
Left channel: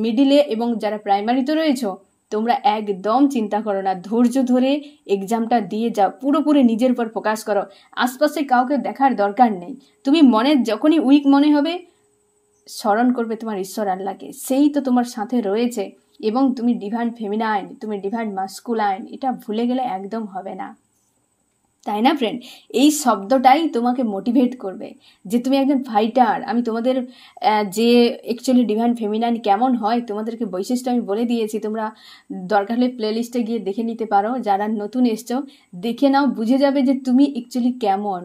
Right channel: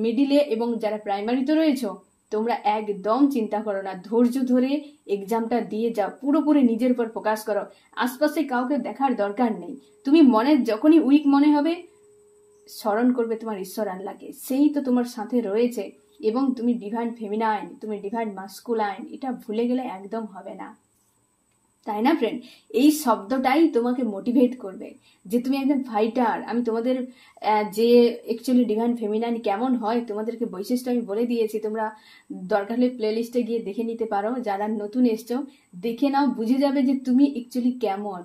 মিডিলে এবং যারা প্রাইমারিতে রয়েছো তোমরা একদম চিন্তা করো না, ধৈর্য ধরে এক্সামটা দিয়ে যাও, পুরোপুরি নিজের উপর ফোকাস করো, আশপাশে কাউকে দেখার দরকার নেই। তুমি মনে যখনই উইক মনে হবে স্মরণ করবে তোমার ঈশ্বর আল্লাহকে, সেই তো তোমার সাথে রয়েছে। এবং তুমি ডিভাইন ফেমিনাইন, তুমি ডিভাইন মাস্কুলাইন, এটা ভুলে গেলে একদম হবে না, তাই না ফ্রেন্ড? এই শব্দটাই তোমাকে মোটিভেট করবে যে তুমি একজন ফাইটার। আমি তোমাদের যে অ্যাকচুয়ালি ডিভাইন ফেমিনাইন কেমন হয় তোমাদেরকে বৈশিষ্ট্য আমি বলে দিয়েছি, তোমরা দরকার হলে প্লে লিস্টে গিয়ে দেখে নিতে পারো। যারা নতুন এসছো দেখে নাও, বুঝে যাবে যে তুমি অ্যাকচুয়ালি কেমন,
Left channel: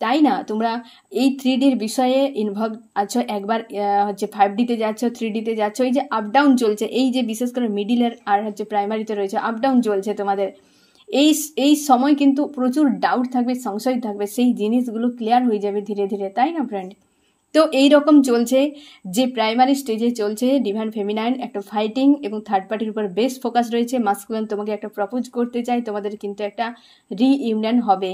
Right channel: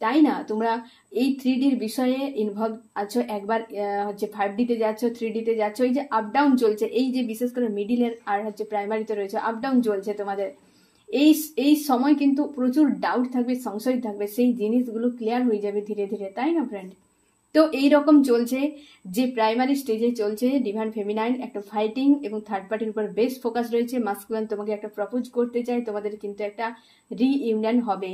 তাই না? তোমরা এই 3Dর বিষয়ে ইনভলভ আছো, একবার হচ্ছে 5Dতে যাচ্ছ, 3Dতে যাচ্ছ, এই যে আপ ডাউন চলছে, এই যে বিশেষ করে মিডিলের আর হচ্ছে প্রাইমারিতে রয়েছে আপ ডাউন চলছে তোমাদের, এই সময় কিন্তু প্রচুর ডাউট থাকবে, সংশয় থাকবে, সেই জিনিসগুলো ক্লিয়ার হয়ে যাবে ধীরে ধীরে, তাই না ফ্রেন্ড? তো এই রকম চলছে যে প্রাইমারি স্টেজে চলছে ডিভাইন ফেমিনাইন একটা ফাইটিং, এবং থার্ড পার্টির উপর বেশ ফোকাস রয়েছে। মাস্কুলাইন তোমাকে একটা প্রপোজ করতে চাই, তোমাদের কিন্তু একটা রিইউনিয়ন হবে।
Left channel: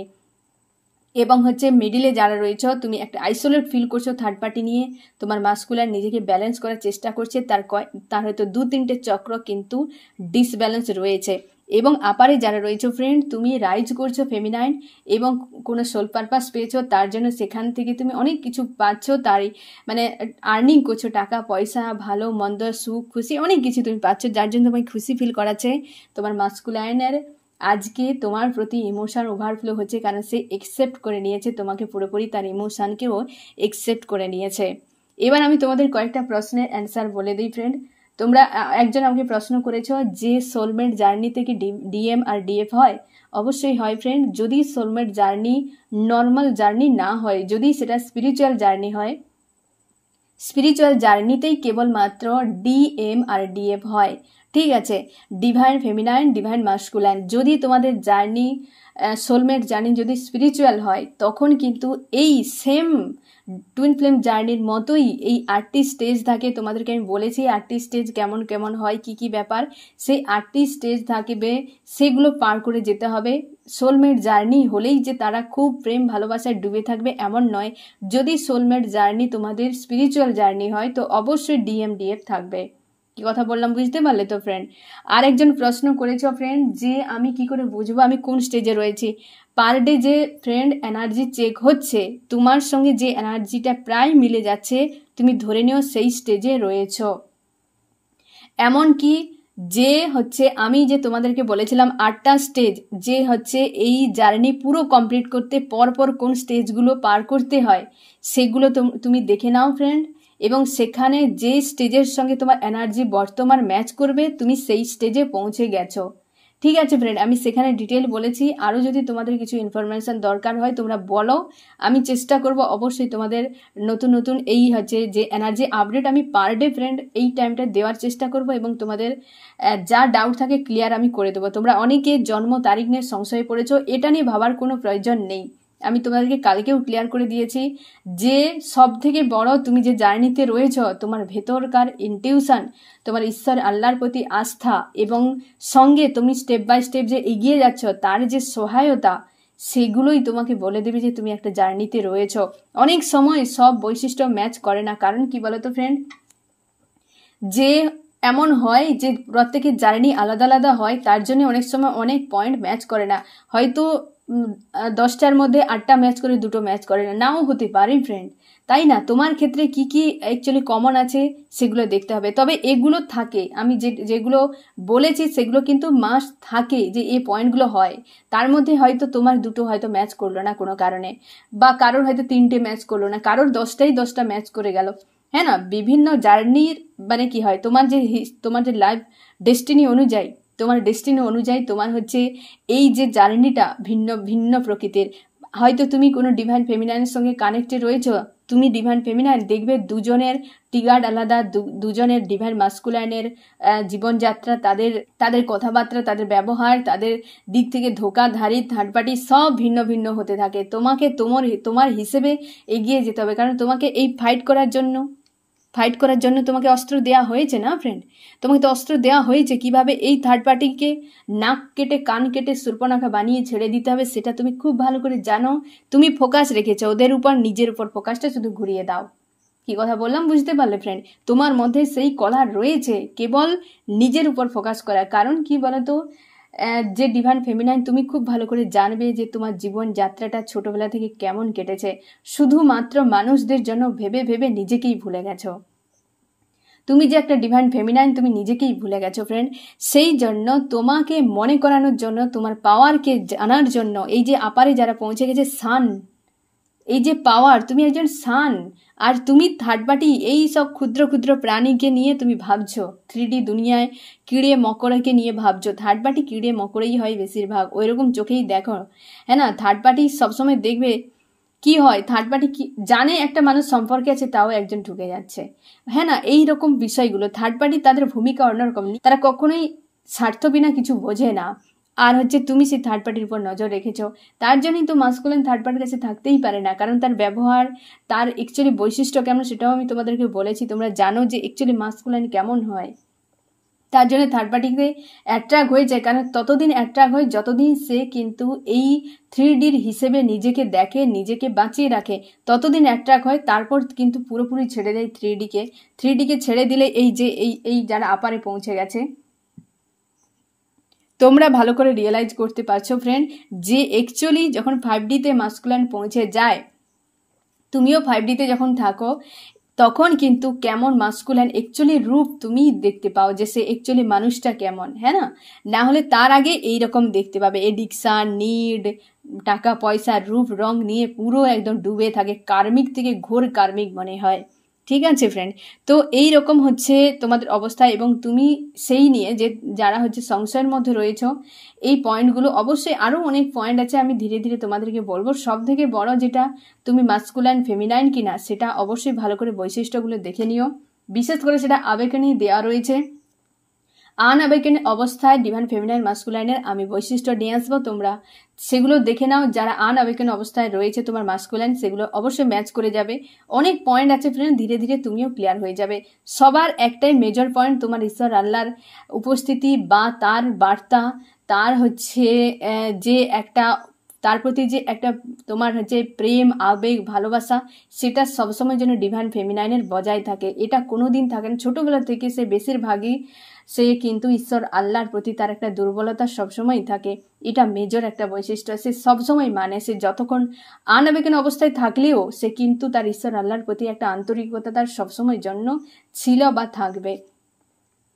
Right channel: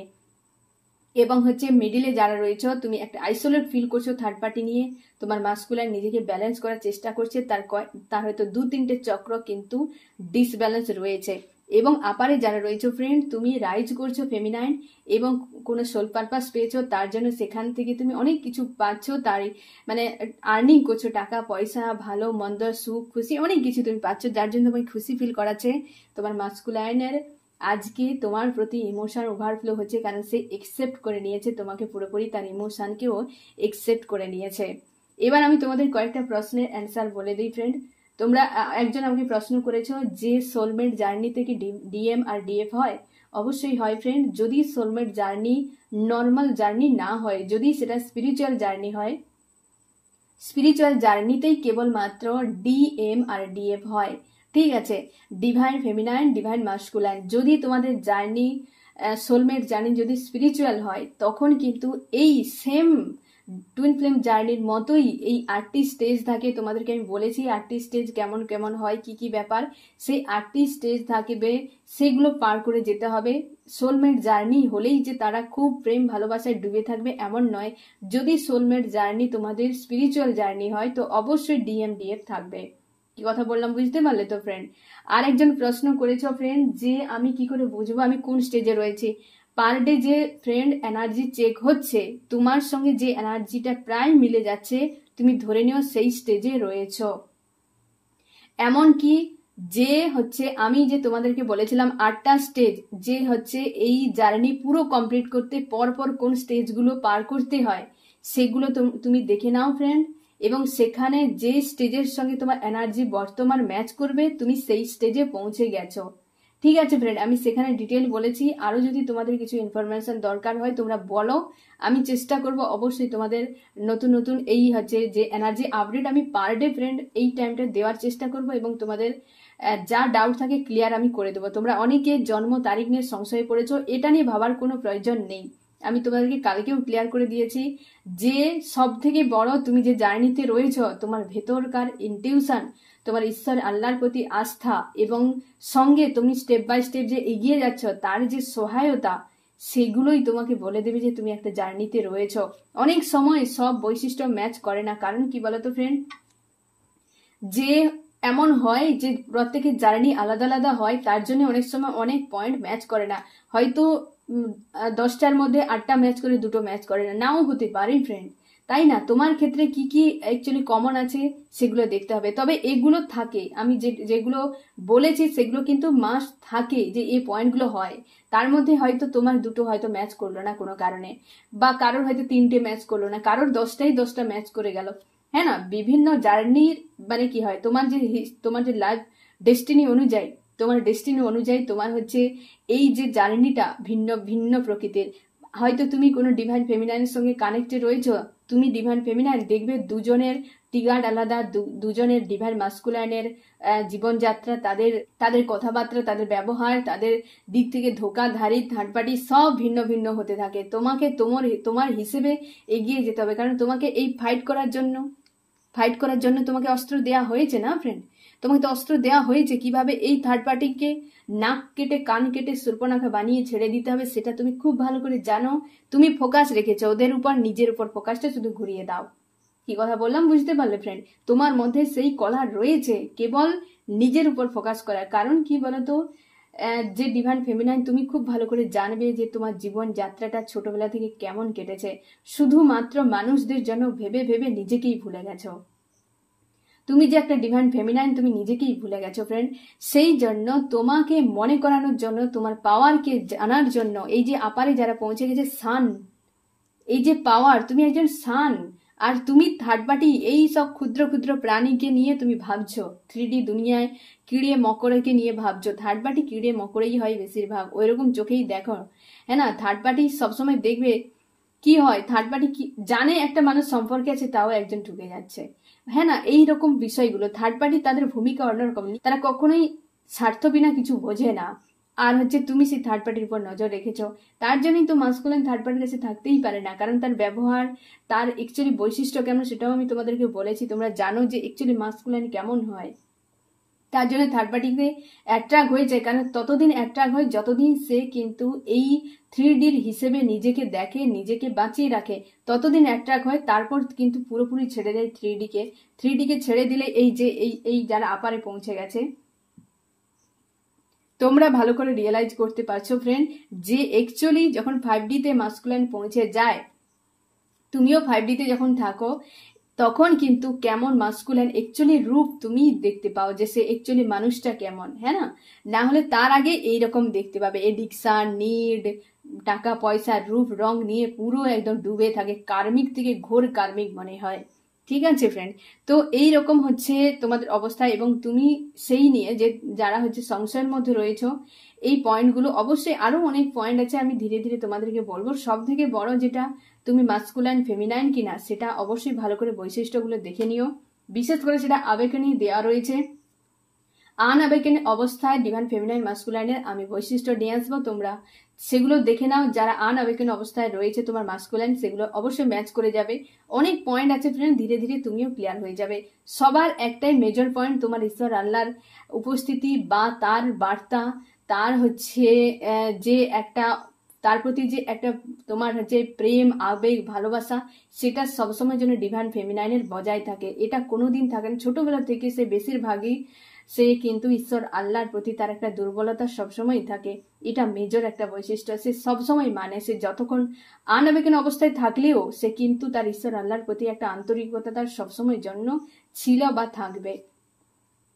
এবং হচ্ছে মিডিলে যারা রয়েছে তুমি একটা আইসোলেট ফিল করছো থার্ড পার্টি নিয়ে, তোমার মাস্কুলাইন নিজেকে ব্যালেন্স করার চেষ্টা করছে, তার হয়তো 2-3টে চক্র কিন্তু ডিসব্যালেন্স রয়েছে। এবং আপারে যারা রয়েছে ফ্রেন্ড তুমি রাইজ করছো ফেমিনাইন, এবং কোনো সোল পারপাস পেয়েছো, তার জন্য সেখান থেকে তুমি অনেক কিছু পাচ্ছ, তারই মানে আর্নিং করছো, টাকা পয়সা, ভালো মন্দ, সুখ খুশি, অনেক কিছু তুমি পাচ্ছ, যার জন্য তোমায় খুশি ফিল করাচ্ছে। তোমার মাস্কুলাইনের আজকে তোমার প্রতি ইমোশন ওভারফ্লো হচ্ছে, কারণ সে একসেপ্ট করে নিয়েছে তোমাকে পুরোপুরি, তার ইমোশনকেও একসেপ্ট করে নিয়েছে। এবার আমি তোমাদের কয়েকটা প্রশ্নের অ্যান্সার বলে দিই ফ্রেন্ড। তোমরা একজন আমাকে প্রশ্ন করেছো যে সোলমেট জার্নিতে কি ডিএম আর ডিএফ হয়? অবশ্যই হয় ফ্রেন্ড। যদি সোলমেট জার্নি নর্মাল জার্নি না হয়, যদি সেটা স্পিরিচুয়াল জার্নি হয়, স্পিরিচুয়াল জার্নিতেই কেবলমাত্র ডিএম আর ডিএফ হয়, ঠিক আছে? Divine feminine, divine masculine. যদি তোমাদের জার্নি সোলমেট জার্নি যদি স্পিরিচুয়াল হয়, তখন কিন্তু এই সেম টুইন ফ্লেম জার্নির মতোই এই 8টি স্টেজ থাকে। তোমাদেরকে আমি বলেছি 8টি স্টেজ কেমন কেমন হয়, কি কি ব্যাপার, সেই 8টি স্টেজ থাকবে, সেগুলো পার করে যেতে হবে। সোলমেট জার্নি হলেই যে তারা খুব প্রেম ভালোবাসায় ডুবে থাকবে এমন নয়। যদি সোলমেট জার্নি তোমাদের স্পিরিচুয়াল জার্নি হয় তো অবশ্যই ডিএমডিএফ থাকবে। কি কথা বললাম বুঝতে পারলে তো ফ্রেন্ড? আর একজন প্রশ্ন করেছো ফ্রেন্ড যে আমি কি করে বুঝবো আমি কোন স্টেজে রয়েছি? পার ডে যে ফ্রেন্ড এনার্জি চেক হচ্ছে, তোমার সঙ্গে যে এনার্জিটা প্রায় মিলে যাচ্ছে, তুমি ধরে নিও সেই স্টেজে রয়েছো। এমনকি যে হচ্ছে আমি যে তোমাদেরকে বলেছিলাম 8টা স্টেজ, যে হচ্ছে এই জার্নি পুরো কমপ্লিট করতে পরপর কোন স্টেজগুলো পার করতে হয়, সেগুলো তুমি দেখে নাও ফ্রেন্ড। এবং সেখানে যে স্টেজের সঙ্গে তোমার এনার্জি বর্তমান ম্যাচ করবে তুমি সেই স্টেজে পৌঁছে গেছো, ঠিক আছে ফ্রেন্ড, আমি সেখানে ডিটেল বলেছি। আরও যদি তোমাদের কিছু ইনফরমেশন দরকার হয় তোমরা বলো, আমি চেষ্টা করব অবশ্যই তোমাদের নতুন নতুন এই হচ্ছে যে এনার্জি আপডেট আমি পার ডে ফ্রেন্ড এই টাইমটা দেওয়ার চেষ্টা করব, এবং তোমাদের যা ডাউট থাকে ক্লিয়ার আমি করে দেবো। তোমরা অনেকে জন্ম তারিখ নিয়ে সংশয় পড়েছো, এটা নিয়ে ভাবার কোনো প্রয়োজন নেই। আমি তোমাদেরকে কালকেও ক্লিয়ার করে দিয়েছি যে সব থেকে বড় তুমি যে জার্নিতে রয়েছো, তোমার ভেতরকার ইনটিউশন, তোমার ঈশ্বর আল্লাহর প্রতি আস্থা, এবং সঙ্গে তুমি স্টেপ বাই স্টেপ যে এগিয়ে যাচ্ছ তার যে সহায়তা, সেগুলোই তোমাকে বলে দেবে যে তুমি একটা জার্নিতে রয়েছো। অনেক সময় সব বৈশিষ্ট্য ম্যাচ করে না, কারণ কি বলতো ফ্রেন্ড, যে এমন হয় যে প্রত্যেকের জার্নি আলাদা আলাদা হয়, তার জন্য অনেক সময় অনেক পয়েন্ট ম্যাচ করে না। হয়তো 10টার মধ্যে 8টা ম্যাচ করে, 2টো ম্যাচ করে না, নাও হতে পারে ফ্রেন্ড, তাই না? তোমার ক্ষেত্রে কি কি অ্যাকচুয়ালি কমন আছে সেগুলো দেখতে হবে। তবে এগুলো থাকে, আমি যেগুলো বলেছি সেগুলো কিন্তু মাস্ট থাকে যে এই পয়েন্টগুলো হয়। তার মধ্যে হয়তো তোমার 2টো হয়তো ম্যাচ করলো না কোনো কারণে, বা কারোর হয়তো 3টে ম্যাচ করলো না, কারোর 10টা ম্যাচ করে গেল। হ্যাঁ না, বিভিন্ন জার্নির মানে কি হয়, তোমার যে লাইফ ডেস্টিনি অনুযায়ী, তোমার হচ্ছে এই যে জার্নিটা ভিন্ন ভিন্ন প্রকৃতির। হয়তো তুমি কোনো ডিভাইন ফেমিনাইনের সঙ্গে কানেক্টেড রয়েছো, তুমি ডিভাইন ফেমিনাইন, দেখবে দুজনের টিগার্ড আলাদা, দুজনের ডিভাইন মাস্কুলাইনের জীবনযাত্রা, তাদের কথাবার্তা, তাদের ব্যবহার, তাদের দিক থেকে ধোকাধারী থার্ড পার্টি সব ভিন্ন ভিন্ন হতে থাকে। তোমাকে তোমার হিসেবে এগিয়ে যেতে হবে, কারণ তোমাকে এই ফাইট করার জন্য তোমাকে অস্ত্র দেওয়া হয়েছে না ফ্রেন্ড। তোমাকে তো অস্ত্র দেওয়া হয়েছে কিভাবে এই থার্ড পার্টিকে নাক কেটে কান কেটে সুর্পনখা বানিয়ে ছেড়ে দিতে হবে, সেটা তুমি খুব ভালো করে জানো। তুমি ফোকাস রেখেছো ওদের উপর, নিজের উপর ফোকাসটা শুধু ঘুরিয়ে দাও। কি কথা বললাম বুঝতে পারলে ফ্রেন্ড? তোমার মধ্যে সেই কলা রয়েছে কেবল নিজের উপর ফোকাস করার। কারণ কি বলতো, যে ডিভাইন ফেমিনাইন, তুমি খুব ভালো করে জানবে যে তোমার জীবন যাত্রাটা ছোটবেলা থেকে কেমন কেটেছে। শুধুমাত্র মানুষদের জন্য ভেবে ভেবে নিজেকেই ভুলে গেছো। তুমি যে একটা ডিভাইন ফেমিনাইন, তুমি নিজেকেই ভুলে গেছো ফ্রেন্ড। সেই জন্য তোমাকে মনে করানোর জন্য, তোমার পাওয়ারকে জানার জন্য, এই যে আপারে যারা পৌঁছে গেছে সান, এই যে পাওয়ার, তুমি একজন সান, আর তুমি থার্ড পার্টি এই সব ক্ষুদ্র ক্ষুদ্র প্রাণীকে নিয়ে তুমি ভাবছো। 3D দুনিয়ায় কিড়ে মকড়কে নিয়ে ভাবছো। থার্ড পার্টি কিড়ে মকড়েই হয় বেশিরভাগ, ওইরকম চোখেই দেখো। হ্যাঁ না, থার্ড পার্টি সবসময় দেখবে কি হয়, থার্ড পার্টি কি জানে একটা মানুষ সম্পর্কে আছে, তাও একজন ঢুকে যাচ্ছে। হ্যাঁ না, এই রকম বিষয়গুলো থার্ড পার্টি, তাদের ভূমিকা অন্যরকম। তারা কখনোই স্বার্থ বিনা কিছু বোঝে না। আর হচ্ছে তুমি সেই থার্ড পার্টির উপর নজর রেখেছো, তার জন্যই তো মাস্কুলিন থার্ড পার্টির কাছে থাকতেই পারে না। কারণ তার ব্যবহার, তার অ্যাকচুয়ালি বৈশিষ্ট্য কেমন সেটাও আমি তোমাদেরকে বলেছি। তোমরা জানো যে অ্যাকচুয়ালি মাস্কুলিন কেমন হয়। তার জন্য থার্ড পার্টিতে অ্যাট্রাক্ট হয়ে যায়। কারণ ততদিন অ্যাট্রাক্ট হয় যতদিন সে কিন্তু এই 3Dর হিসেবে নিজেকে দেখে, নিজেকে বাঁচিয়ে রাখে, ততদিন অ্যাট্রাক্ট হয়। তারপর কিন্তু পুরোপুরি ছেড়ে দেয় 3Dকে ছেড়ে দিলে এই যারা আপারে পৌঁছে গেছে, তোমরা ভালো করে রিয়েলাইজ করতে পারছো ফ্রেন্ড যে অ্যাকচুয়ালি যখন 5Dতে মাস্কুলাইন পৌঁছে যায়, তুমিও 5Dতে যখন থাকো, তখন কিন্তু কেমন মাস্কুলাইন অ্যাকচুয়ালি রূপ তুমি দেখতে পাও, যে সে অ্যাকচুয়ালি মানুষটা কেমন। হ্যাঁ না হলে তার আগে এইরকম দেখতে পাবে, এডিকশন, নিড, টাকা পয়সা, রূপ রং নিয়ে পুরো একদম ডুবে থাকে, কার্মিক থেকে ঘোর কার্মিক মনে হয়। ঠিক আছে ফ্রেন্ড, তো এই রকম হচ্ছে তোমাদের অবস্থা। এবং তুমি সেই নিয়ে যে যারা হচ্ছে সংশয়ের মধ্যে রয়েছ, এই পয়েন্টগুলো অবশ্যই, আরও অনেক পয়েন্ট আছে, আমি ধীরে ধীরে তোমাদেরকে বলবো। সব থেকে বড় যেটা, তুমি মাস্কুলাইন ফেমিনাইন কিনা সেটা অবশ্যই ভালো করে বৈশিষ্ট্যগুলো দেখে নিও। বিশেষ করে সেটা আবেগেনেই দেওয়া রয়েছে। আনআবেগেন অবস্থায় ডিভাইন ফেমিনাইন মাস্কুলাইনের আমি বৈশিষ্ট্য নিয়ে আসবো, তোমরা সেগুলো দেখে নাও। যারা আনআবেগেন অবস্থায় রয়েছে তোমার মাস্কুলাইন, সেগুলো অবশ্যই ম্যাচ করে যাবে। অনেক পয়েন্ট আছে ফ্রেন্ড, ধীরে ধীরে তুমিও ক্লিয়ার হয়ে যাবে। সবার একটাই মেজর পয়েন্ট, তোমার ঈশ্বর আল্লাহর উপস্থিতি বা তার বার্তা, তার হচ্ছে যে একটা, তার প্রতি যে একটা তোমার হচ্ছে প্রেম, আবেগ, ভালোবাসা, সেটা সবসময় যেন ডিভাইন ফেমিনাইনের বজায় থাকে। এটা কোনোদিন থাকে না। ছোটবেলা থেকে সে বেশিরভাগই সে কিন্তু ঈশ্বর আল্লাহর প্রতি তার একটা দুর্বলতা সবসময় থাকে। এটা মেজর একটা বৈশিষ্ট্য। সে সবসময় মানে, সে যতক্ষণ আনআবেগেন অবস্থায় থাকলেও সে কিন্তু তার ঈশ্বর আল্লাহর প্রতি একটা আন্তরিকতা তার সবসময় জন্য ছিল বা থাকবে।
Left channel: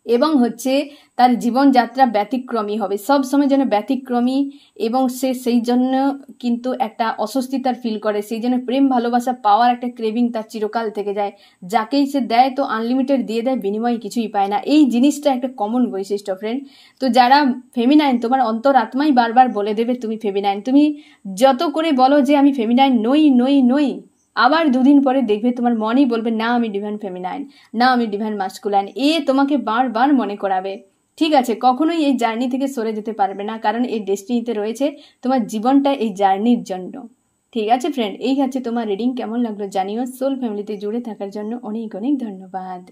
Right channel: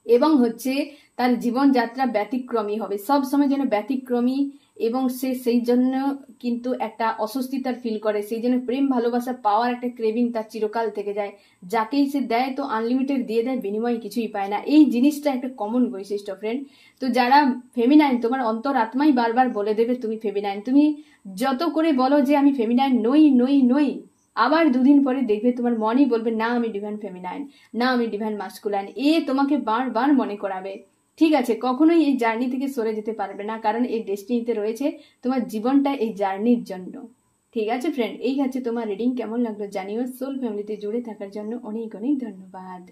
এবং হচ্ছে তার জীবনযাত্রা ব্যতিক্রমী হবে, সব সময় যেন ব্যতিক্রমী, এবং সে সেই জন্য কিন্তু একটা অস্বস্তি তার ফিল করে, সেই জন্য প্রেম ভালোবাসা পাওয়ার একটা ক্রেভিং তার চিরকাল থেকে যায়। যাকেই সে দেয় তো আনলিমিটেড দিয়ে দেয়, বিনিময়ে কিছুই পায় না। এই জিনিসটা একটা কমন বৈশিষ্ট্য ফ্রেন্ড। তো যারা ফেমিনাইন, তোমার অন্তরাত্মাই বারবার বলে দেবে তুমি ফেমিনাইন। তুমি যত করে বলো যে আমি ফেমিনাইন নই নই নই, আবার দুদিন পরে দেখবে তোমার মনই বলবে না আমি ডিভাইন ফেমিনাইন, না আমি ডিভাইন মাস্কুলাইন। এ তোমাকে বারবার মনে করাবে। ঠিক আছে, কখনোই এই জার্নি থেকে সরে যেতে পারবে না, কারণ এই ডেস্টিনিতে রয়েছে তোমার জীবনটা এই জার্নির জন্য। ঠিক আছে ফ্রেন্ড, এই হচ্ছে তোমার রিডিং। কেমন লাগলো জানিও। সোল ফ্যামিলিতে জুড়ে থাকার জন্য অনেক অনেক ধন্যবাদ।